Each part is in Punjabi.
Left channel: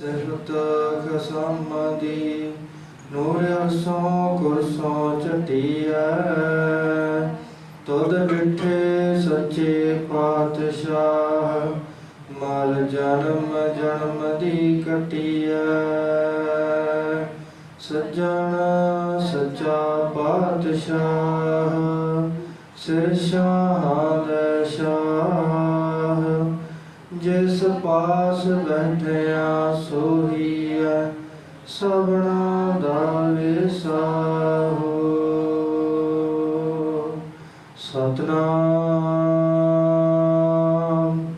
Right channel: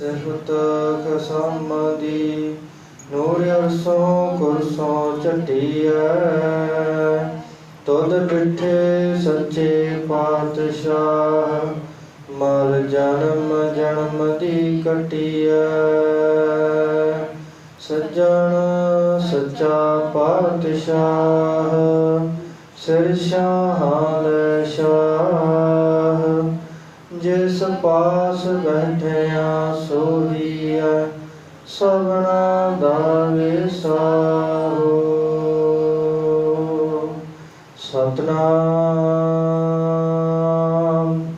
ਸਿਫਤ ਖਸਮਦੀ ਨੂਰ ਅਰਸੋਂ ਕੁਰਸੋਂ ਚਟੀਐ ਤੁਧ ਬਿਠੇ ਸੱਚੇ ਪਾਤਸ਼ਾਹ, ਮਲ ਜਨਮ ਜਨਮ ਦੀ ਕਟੀਐ ਸੱਜਣ ਸੱਚਾ ਪਾਤਸ਼ਾਹ, ਸਿਰ ਸ਼ਾਹਾਂ ਦਾ ਸ਼ਾਹ ਜਿਸ ਪਾਸ ਬੈਠਿਆ ਸੋਹੀਐ, ਸਭਨਾ ਦਾ ਵਿਸਾਹੋ ਸਤਨਾਮ।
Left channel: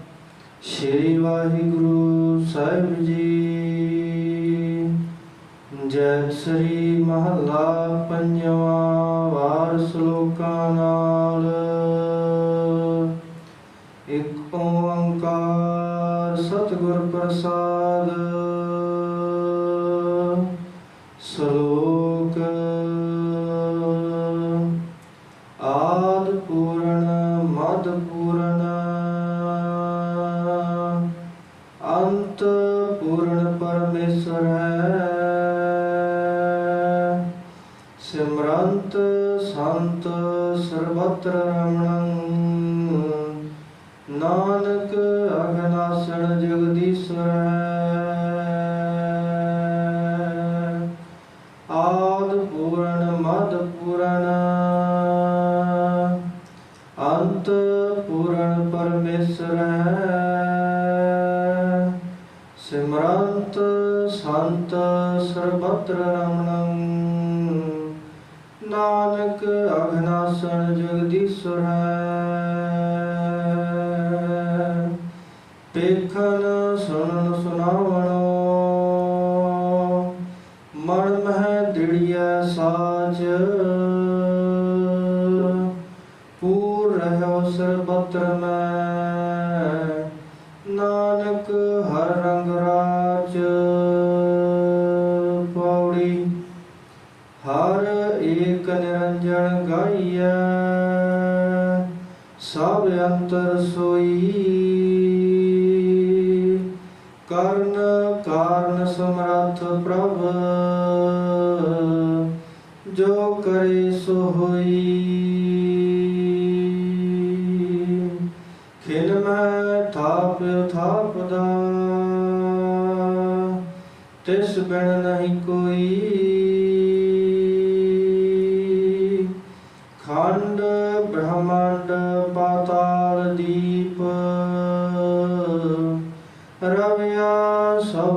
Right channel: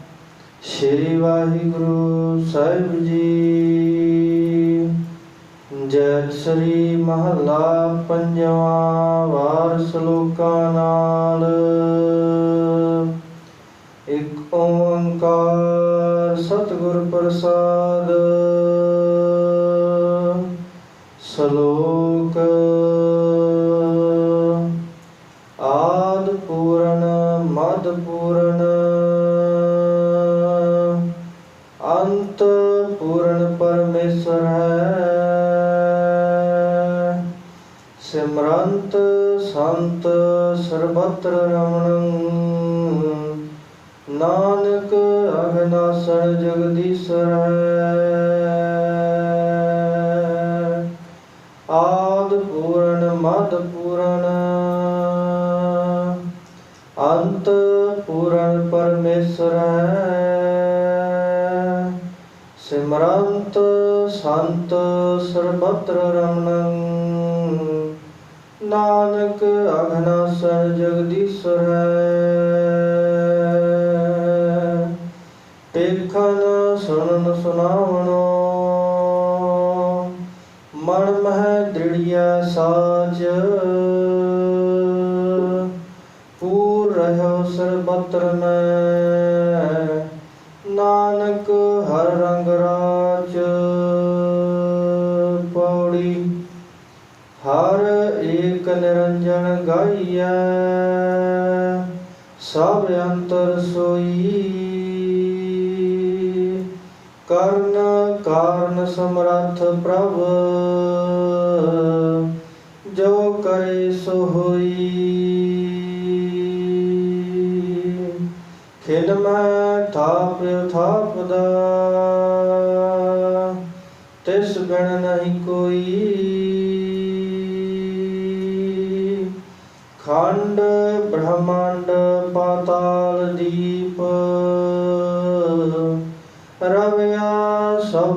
ਸ਼੍ਰੀ ਵਾਹਿਗੁਰੂ ਸਾਹਿਬ ਜੀ। ਜੈ ਸ੍ਰੀ ਮਹਲਾ ਪੰਜਵਾਂ ਵਾਰ ਸ਼ਲੋਕਾਂ ਨਾਲ। ਸਤਿਗੁਰ ਪ੍ਰਸਾਦ। ਸ਼ਲੋਕ। ਆਦ ਪੂਰਨ ਮਦ ਪੂਰਨ ਅੰਤ ਪੂਰਨ ਪਰਮੇਸ਼ਰ ਹੈ। ਸਿਮਰੰਤ ਸੰਤ ਸਰਬਤਰ ਰਮਣੰ। ਨਾਨਕ ਅਗਨਾਸਣ ਜਗਦੀਸ਼ਰ ਹੈ ਆਦ ਪੂਰਨ, ਮਦ ਪੂਰਨ। ਅੰਤ ਪੂਰਨ ਪਰਮੇਸ਼ਰ। ਹੈ ਸਿਮਰੰਤ ਸੰਤ ਸਰਬਤਰ ਰਮਣੰ। ਨਾਨਕ ਅਗਨਾਸਣ ਜਗਦੀਸ਼ਰ ਦੇਖਨ ਸੁਣਨ ਸੁਨਾਵਣੋ ਮਨ ਮਹਿ ਦ੍ਰਿੜਿਆ ਸਾਚ। ਪੂਰ ਰਹਿਓ ਸਰਬਤਰ ਮੈਂ। ਨਾਨਕ ਹਰ ਰੰਗ ਰਾਜ ਪੌੜੀ ਹਰ ਏਕ ਨਿਰੰਜਨ ਗਾਈਐ। ਸਭ ਅੰਤਰ ਸੋਈ ਸਮਰੱਥ ਪ੍ਰਭ, ਜੋ ਕਰੇ ਸੋ ਹੋਈ। ਖਿਲ ਮੈਂ ਥਾਪ ਥਾਪਦਾ, ਤਿਸ ਬਿਨ ਨਹੀਂ ਕੋਈ। ਖੰਡ ਬ੍ਰਹਮੰਡ ਪਾਤਾਲ ਦੀਪ, ਰਵਿਆ ਸਭ